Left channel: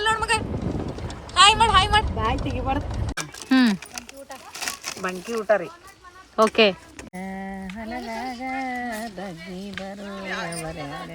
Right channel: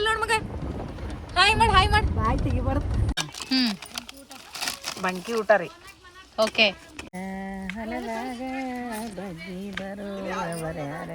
ಇಲ್ಲಿ ನೋಡ್ ಮಗ. ಹಾಯ್ ಮಾಡ್ ಬಾಯ್ ತೆಗಿಬಾರ್ದು. ಬಂಕಿ ಊಟ ರೀ. ಓಕೆ. ಹೊಲದಾಗ ಬಗ್ಗಿ ಬರುವವರ್ಯಾರ.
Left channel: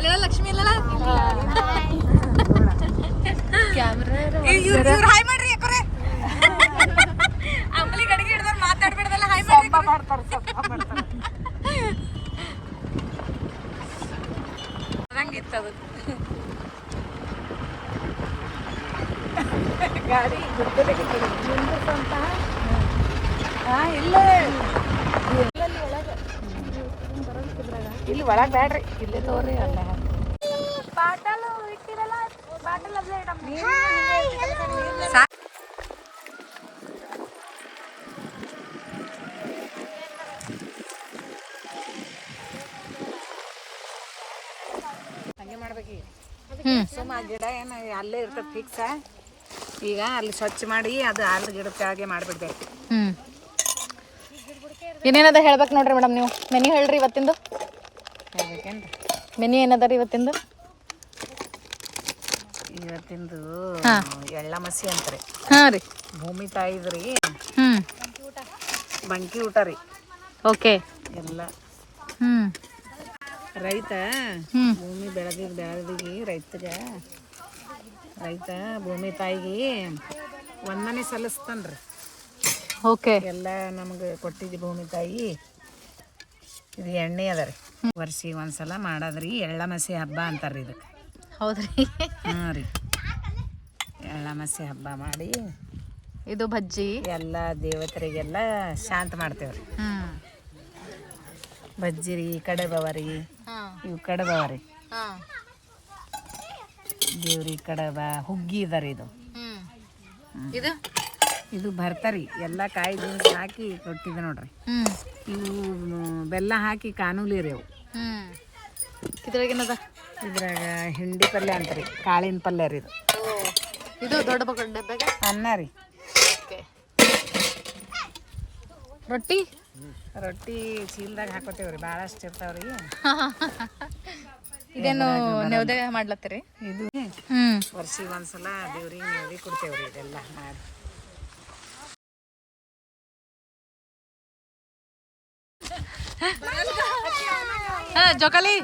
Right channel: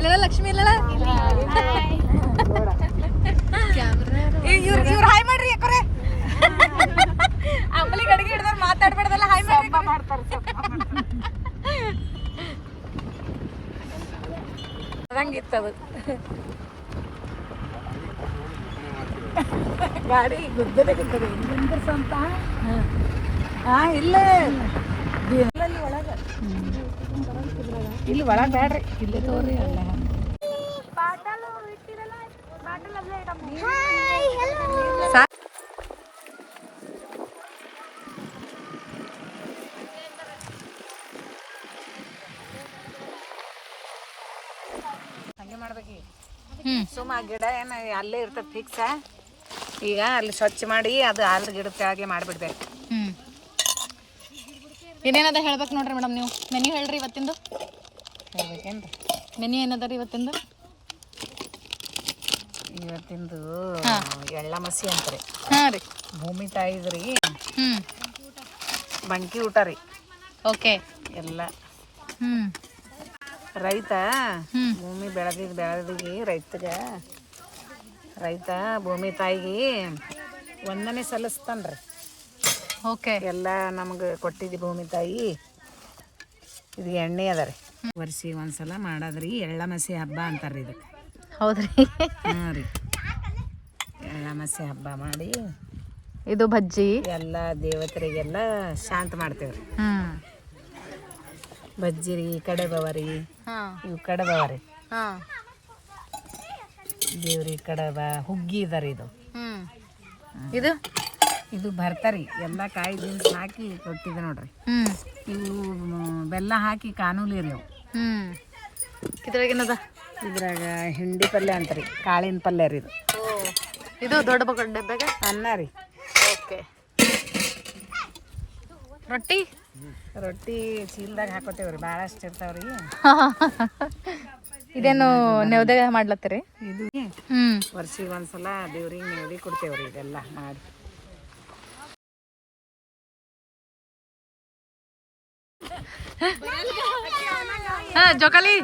ಎಲ್ಲ ಲಕ್ಷ್ಮಿ ಇಲ್ಲ ಇವ್ರು ಹಾಯ್ ಮಾಡ್ರಿ ಯಾಕರೆ ಆಮೇಲೆ ಗಡಿಗೆ ಹಿಡ್ದವ್ರು ಮಾತಾಡ್ಬೇಡ್ದಲ್ಲ ಹಾಯ್ ಮಾಡ್ತಾರೆ ಅದಂಗಿತ್ತು ಅವತ್ತು ಗಾಡಿ ಗುದ್ದಲಿ ಮುಂದೆ ಸ್ವಂತ ಇಲ್ಲ ಇಲ್ಲಿ ಒಳಗೆ ಬೇಡ್ರಿ ಇಲ್ಲಿ ತೋರಿ ಅಲ್ಲ ಹಂಗೆ ಮಾಡ್ಬೇಕು. ಸುಮ್ಮ ಗಿಡ ಏನು ಅಲ್ಲೇ ಇರ್ತದೆ ಫಿಕ್ಸ. ಈಗ ಅಲ್ಲಿ ಸ್ವಚ್ಛ ಮಾಡಿ ಅದು ಅಲ್ಲಿ ಗಿಡ ಕೆಳಗೆ ಮಾಡಿಬಿಡ್ಬೇಕು. ಏನೇನದ ಹೇಳ್ಬೇಕು ನೋಡ್ರಿ ಮೇಡಮ್. ನೀವು ಮೆನ್ಯೂ ಹೇಳ್ರಿ ಇವತ್ತಿಂದು. ಹೇಳ್ಬೇಕೇನ್ರಿ ಮೆನ್ಯೂ ಏನದ ರೀ ಇವತ್ತಿಂದು? ಇವತ್ತಿಂದು ಎಳ್ಳ ಮಸಿ ಅಂತ್ರಿ. ಹಾಂ ರೀ. ಭೂಮಿ ತಾಯಿದ್ರಿ. ಬಂಕಿ ಊಟ ರೀ. ಓಕೆ. ಎಲ್ಲ ರೈತ ಭೂಮಿ ಬೆಳೆದಿಗೆ ರೈತ ಭೂಮಿ ತಾಯಿಗೆ ವಂದನೆ ಸಲ್ಲಿಸ್ತಾನ್ರಿ. ಓಕೆ. ಎಲ್ಲ ನಮ್ಗೆ ಕೊಟ್ಟಿದ್ದಿ ಭೂಮಿ ತಾಯಿ. ಇದು ಎಣ್ಣೆ ಅದ ರೀ. ವರ್ಷಿಗೆ ಒಂದ್ಸಲ ಮಾಡೋದ್ರಿ ಎಳ್ಳ ಮಸಿ ಹಬ್ಬ ಅಂತಾರ್ರಿ ಇದಕ್ಕೆ. ಹೌದ್ರಿ. ಹಾಂ ರೀ. ಎಳ್ಳ ಮಸಿ ಹಬ್ಬ ಮಾಡಿ ಇದು ಬಜ್ಜಿ ಎಲ್ಲ ದೇವತೆರಿಗೆಲ್ಲ ಶಾಂತ ಮಾಡ್ತೇವ್ರಿ. ಬಜ್ಜಿ ರೀ, ಕಡಬವ ರೀ, ಇವು ಕಡಬವ ರೀ. ದೇವ್ರಿ ಕಡಬ ಹುಗ್ಗಿ ಇದ ರೀ. ಇದು ಇದು ಭರ್ತಾರಿ. ಎಲ್ಲ ಕಾಯಿ ದಿನಸಿ ಹಾಕಿ ಕೊಟ್ಟಿದ್ದೆ ನೋಡ್ರಿ. ಇವು ಬೆಲ್ಲ ಹಾಕಿ ಕಾನೂಲಿ ರೀ ಅವು. ಇದ್ರಾಗೇನದ? ಇದ್ರಾಗ ಹಿಂಡಿ ಪಲ್ಯ ಅಂತಾರಿ, ಕಾಳಿನ ಪಲ್ಯ ರೀ ಇದು. ಇದು ದೊಡ್ಡ ಡಬ್ಬಾಗ ಅನ್ನ ರೀ. ಓಕೆ. ರೊಟ್ಟಿ ಚೀಲದಾಗ ಹಾಕೋತೇವ್ರಿ. ಭಾಳಷ್ಟು ಇರ್ತಾವ್ರಿ. ಇದೇನು ನೈವೇದ್ಯ ಮಾಡ್ಲತ್ತೀರಿ? ಇದು ವರ್ಷಿಗೆ ಒಂದ್ಸಲ ದೇವ್ರಿಗೆ ನೈವೇದ್ಯ ಕೊಡ್ತೇವ್ರಿ. ಇದೆಲ್ಲ ಮಾಡಿ ಜೋಕಾಲಿ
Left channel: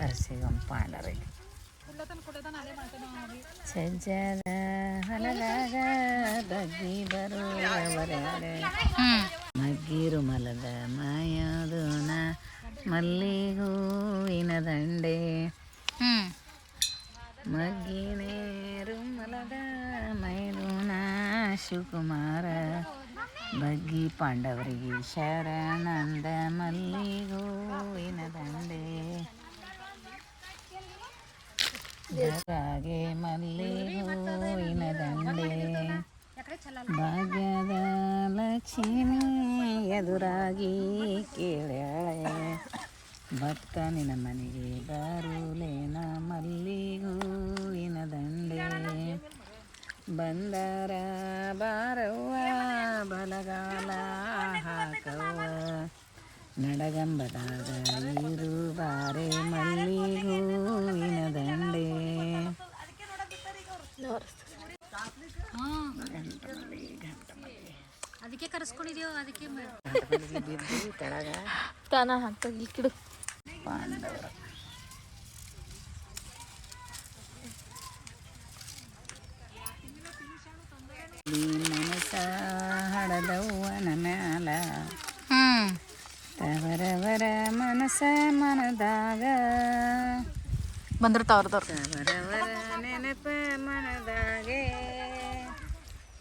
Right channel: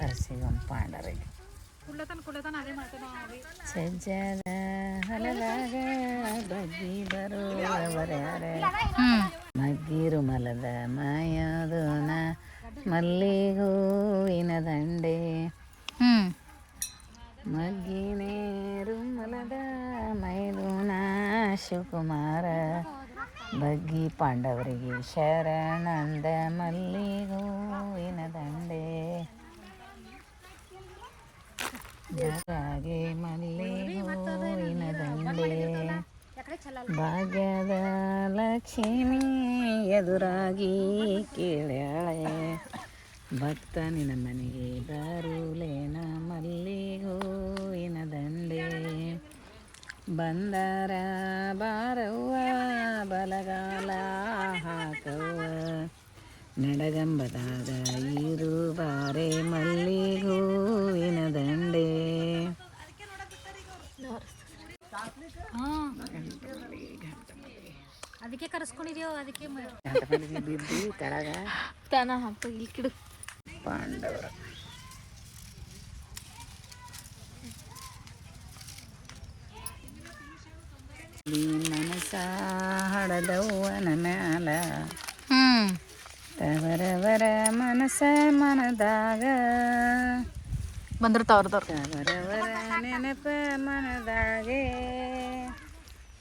ವರ್ಷಿಗೊಂದು ಪಾಂಡರಿ. ಸಜ್ಜದ ಹೊಲದಾಗ ಬಗ್ಗಿ ಬರುವವರ್ಯಾರ. ಮಗ್ಗಿರು ಮಲದ ಮಾಯದೋನ ಮಲ್ಲಿಗೂವಿನ ದಂಡೆ. ಮಗ್ಗಿನೇರು ಮಲದ ಮೈದೂನ ಶಿವಕುಮಾರ. ಬಗ್ಗಿ ಪಾಂಡವರಿಗೆ ಶರಣಂದ ಮಲ್ಲಿಗೂವಿನ ದಂಡೆ. ಜಗಾಗೆ ಮಲ್ಲಿಗೂವಿನ ದಂಡೆ. ಭಾಗ್ಯದ ಲಕ್ಷ್ಮಿ ಎದುರಾಗಿ ಕೇಳ್ಯಾಳೆ. ಭಕ್ತ ನಿನ್ನ ಮನೆಗೆ ಬರುಲೇನ ಮಲ್ಲಿಗೂವಿನ ದಂಡೆ. ಬಂದರ ಬಾರವ್ವ ಬಲಗಾಲ ಹಾಕವ್ವ. ನಡಗಂಬದಾಗ ಇರು ಬಾರೆ ಮಲ್ಲಿಗೂವಿನ ದಂಡೆ. ಅದಕ್ಕೆ ಕರೆಸ್ಕೊಂಡಿದ್ಯೋ ಅದಕ್ಕೆ ಬಿದ್ದು ಕೆಳಗ ತಾನ ಹಾಕ್ತಾ ಕಿಡು ಪಾಂಡವರ. ಮನಸ ಹಡದವ್ವನ ಮ್ಯಾಲ. ತವರವರ ಮನಸ ಮನದಾಗ ಬಂದಿರ್ತಾವ್ರದವ್ರು. ತವರವರ ನೆನಪ ಮನದಾಗೆ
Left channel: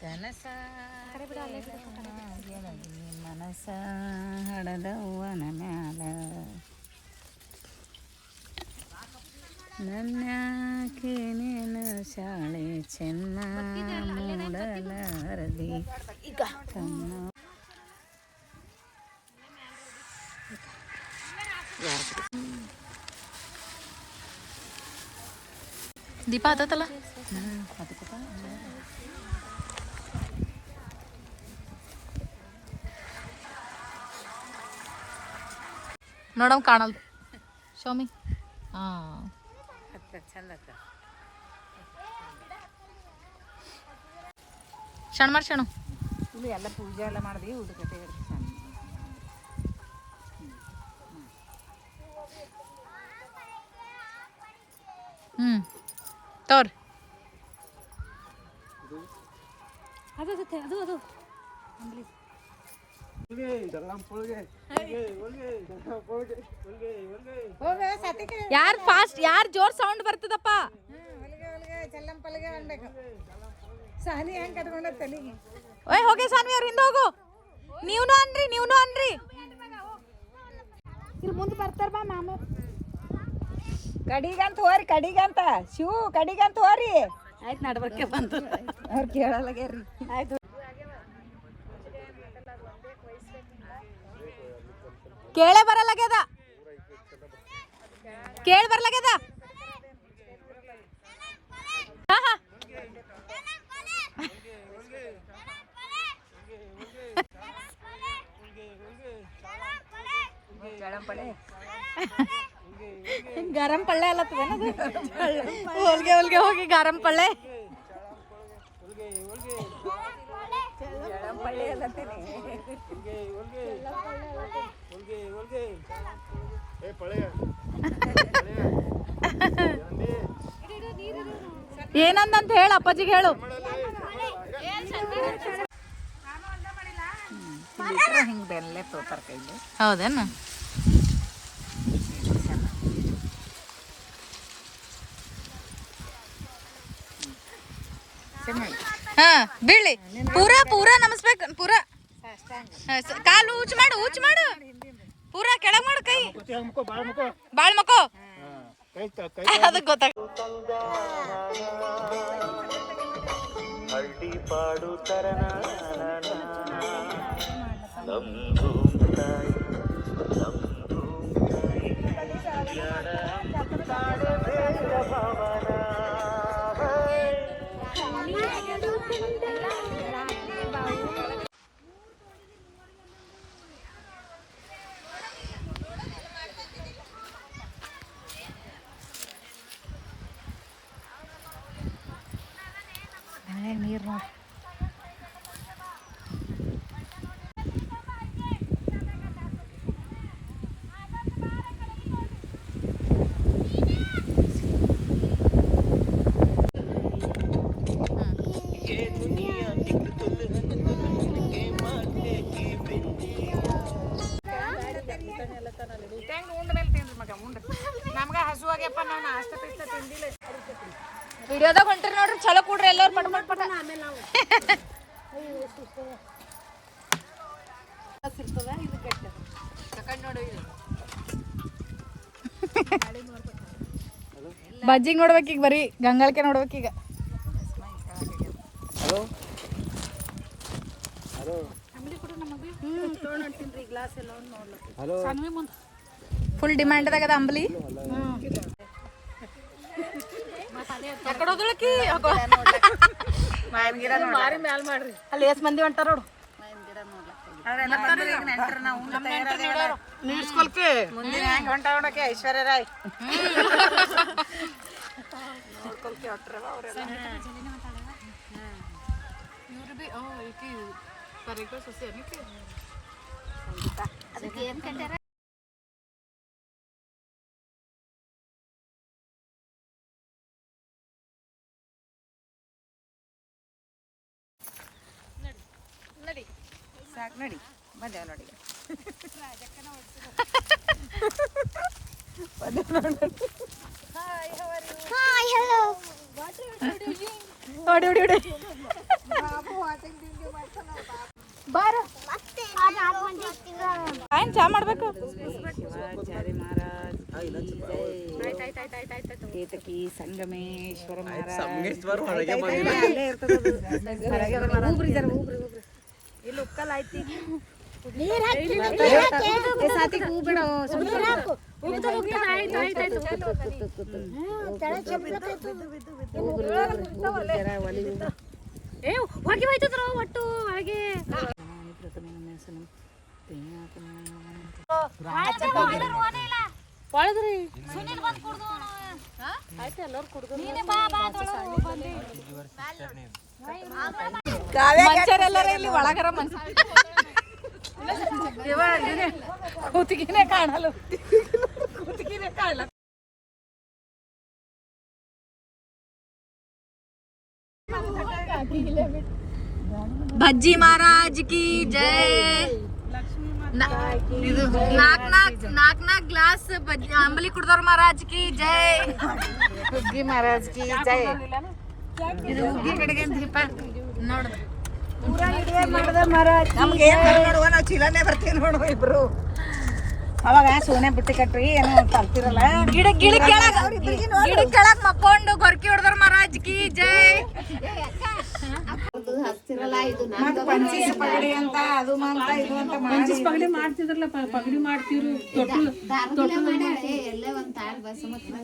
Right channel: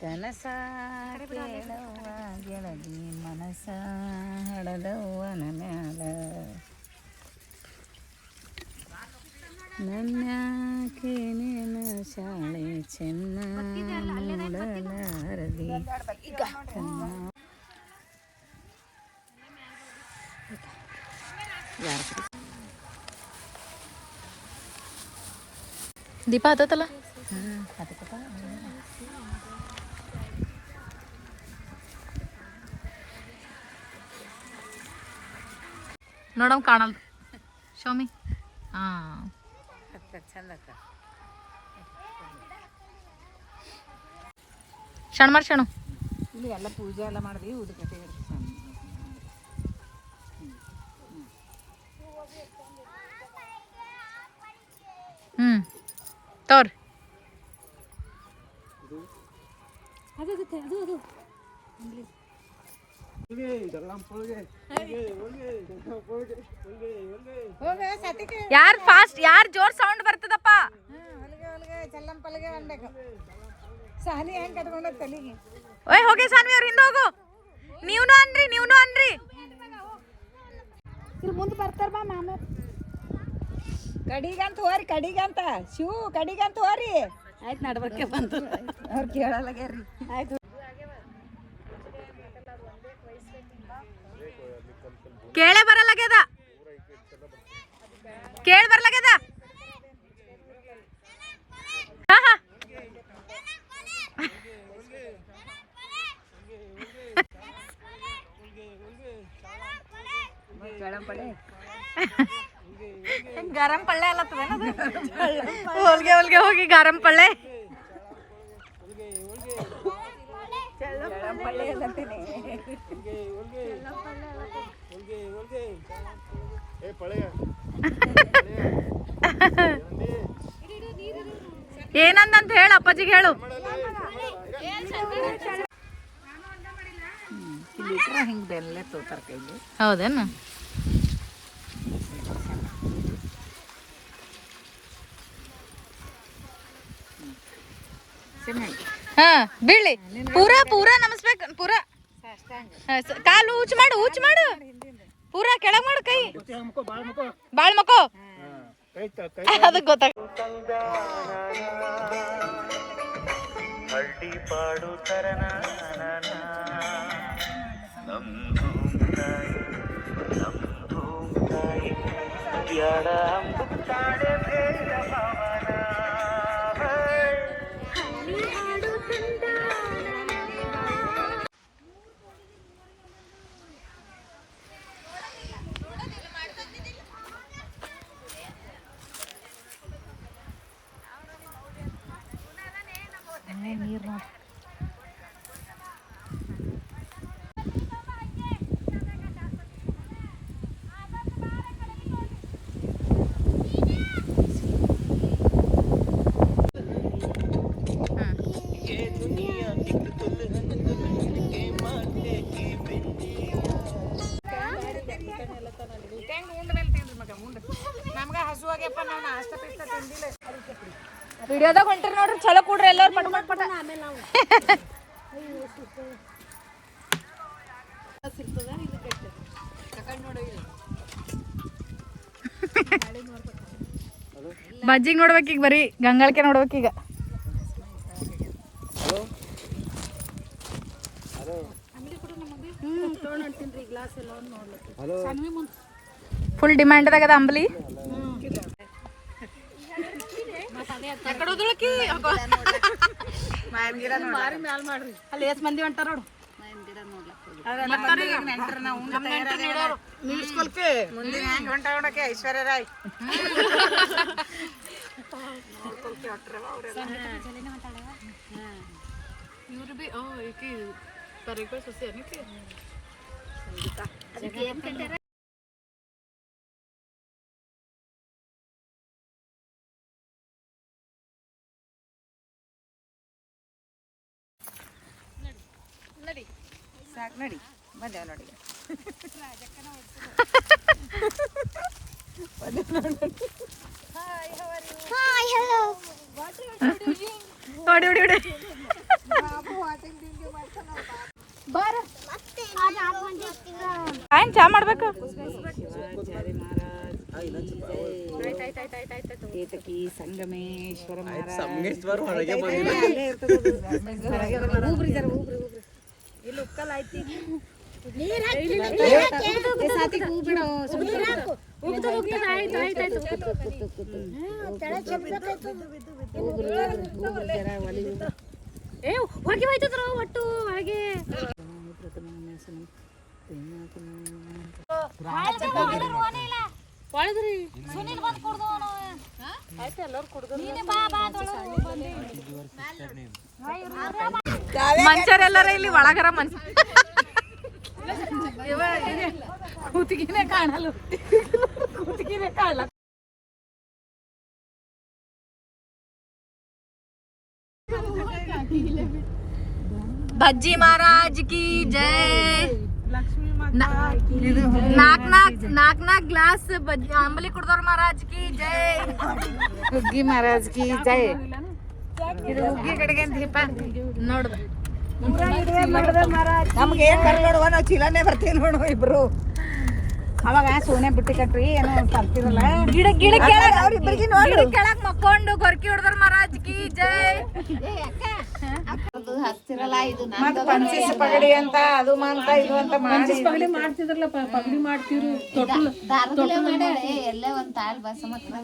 ಕನಸ ಮನಸ ಹಡದವ್ವನ ಮ್ಯಾಲ. ನನ್ಯಾಕೆ ನೀನು ಶಾಳೆ ಚೆನ್ನ ಮೂಡಲಾರದೆ ದೀಪ ಹತ್ತಲ್ಲ ನೋಡಮ್ ಕಾಣಲ್ದು ಶೋಮಿ ಹಾಂ ಚಂದ ಶಣ ಮಾಡಿ ಶಣು ಇಲ್ಲಿ ಎಲ್ಲ ಪೂಜೆ ಎಲ್ಲ ಮಾಡಿದ್ವಿ ಉಡುಕತೆ ತೋರ್ ಯಾರು ಫಾಸ್ಟ್ ಯಾರು ಜೋರ್ ಸೌಂಡ್ ಬರ್ತದಪ್ಪ ಓಯ್ ಹೋಗಿ ಸಾನ್ವಿ ಅವ್ರ ಹಿಂದೆ ಹೋಗು ನೀವ್ನು ಅನ್ರಿ ಮುಂದೆ ಬರ್ತಾರ ಬಾ ಮಾಮ ಕಡಿಗಂತ ಹೋರಿ ಕಡಿಗಂತ ಶಿವು ಕಡಿಗಂತ ಹೋರಿ ಆಯ್ತು ನಡ್ಬರ್ಕೆ ಬಂತು ಅವ್ರು ಕೇಳಲ್ಲಾಗ್ಯಾರ್ರಿ ಆಯ್ತು ಕೇಳೇ ಬರಲಾಗ್ಯದ ಕೇಳಿ ಬರ್ಲಾಗ್ಯದ ಗರಂ ಪಳ್ಳೆ ಅಲ್ಲತ್ತದ ಹೊಲ್ಗೆ ಹೋಗಿ ಗರಂ ಪಳ್ಳೆ ಏನಂದಂತ ಹೇಳು ಅಪ್ಪಾಜಿಗೆ ಹೇಳು ಹಿಂಗೆ ಬೆಲ್ಲ ತೋತಾರ ಕೈಲಿ ಹೌದೇನು ಹಾ ಬೀಳಿ ಪೂರಾ ನಮಸ್ಬೇಕು ಪೂರಾ ಕಾಲು ಊಚ್ ಮಾಡು ಪೂರಾ ಕೆಳಗ್ ಮಾಡು ಕೈ ಬಾಳ್ ಮಕ್ಕೋ ಅದಕ್ಕೆ ಗೊತ್ತಾಗ ನೀರು ನಮ್ಗ ಹಸುವಾಗ್ಯಪ್ಪ ನಾವು ನಾಷ್ಟ ಪಿಷ್ಟ ತಿಂದಿಲ್ಲ ವಿಡಿಯೋದಾಗ ಹೊಂಟ್ರಿ ನೋಡ್ರಿ ಚಲೋ ಕೂಡ್ರಿ ಎಲ್ಲರೂ ಆಮೇಲೆ ನಾವು ಬಜ್ಜಿಗೆ ನೋಡ್ಬೇಕೀಗ ಬರೀ ಗಂಗಾಳಕ್ಕೆ ನೋಡ್ಬೇಕೀಗ ಫುಲ್ ಡಿಮ್ಯಾಂಡ್ದಾಗ ಅದ ಅಂಬಲಿ ಅಲ್ಲಿ ಎಷ್ಟ್ ಮಂದಿ ಹೊಂಟಾರ ನೋಡು ಐಶ್ವರ್ಯ ರಾಯ್ ಇವ್ರು ಬಿ ಈಕಿ ಕರೆಕ್ಟ್ ಸೊಸೆ ಅನ್ನಕ್ಕೆ ನಡಿ ಸಾಕು ನಡಿ ಬಂದೇವ್ ನೋಡಿ ಹೊಡಿ ಆಯ್ತು ಚಾ ಮಾಡ್ಬೇಕು ಕೇತಕಿ ಸಂಗಮೇಶ್ವರ ಇಲ್ಲಿ ಉಕ್ಕಲ್ ಐತಿ ಹೂ ಬಿಡೋ ಹೊಗೆ ಹೋಯ್ತದ್ರ ಒಟ್ಟು ಹಾಗೆ ಮನುಷ್ಯರೆಲ್ಲರ ಇಲ್ಲಿ ಒಳಗರ ಕೂತಿಗಿನೇ ಕಾಣಲ್ಲ ಕೂತಿಗಿನೇ ಕಾಣಲ್ಲ ಬಜ್ಜಿ ಮಹಾರಾಜ್ ಕಿ ಜೈ. ನಾಕ್ ಗ್ಲಾಸ್ ಅಂಬಲಿ ಕುಡ್ದವ್ರ ಮಹಾರಾಜ್ ಕಿ ಜೈ. ಹುಗ್ಗಿ ಮಹಾರಾಜ್ ಕಿ ಜೈ. ಇದು ಹುಗ್ಗಿ ಕಡೆಗೆ ದೀಪ ನೋಡಿದ್ರು ನಮ್ಗೆ ಏನ್ ನೋಡುವ ನಾವು ಚೀಲನೆ ಬರ್ತೀವಿ ನೋಡುವ ಇಬ್ರು. ಅವಾಗ ಸೋನೆ ಬುಟ್ಟಿ ಕಟ್ರಿ ಏನೋ ತರ್ತಿರಲ್ಲ ಗಿಡ ಕೆಳಗ್ ಮಕ್ಕೊಂಡು ಗೊರ್ಕಿ ಹೊಡ್ದವ್ರ ಮಹಾರಾಜ್ ಕಿ ಜೈ. ಪಂಚೀಸ್ ಪಗಡಿ ಅಂತ ಅದು ಅಂತ ಇದು ಅಂತ ಪಂಚೀಸ್ ಪಗಡಿ ಮಾಡ್ತಿದ್ರಲ್ಲ ಪಗಡಿ ಮಾಡ್ತಿದ್ರು ಎಲ್ಲೇ ಒಂದ್ ತಾಲ್ ಬಸ್ ಮಕ್ಕಳ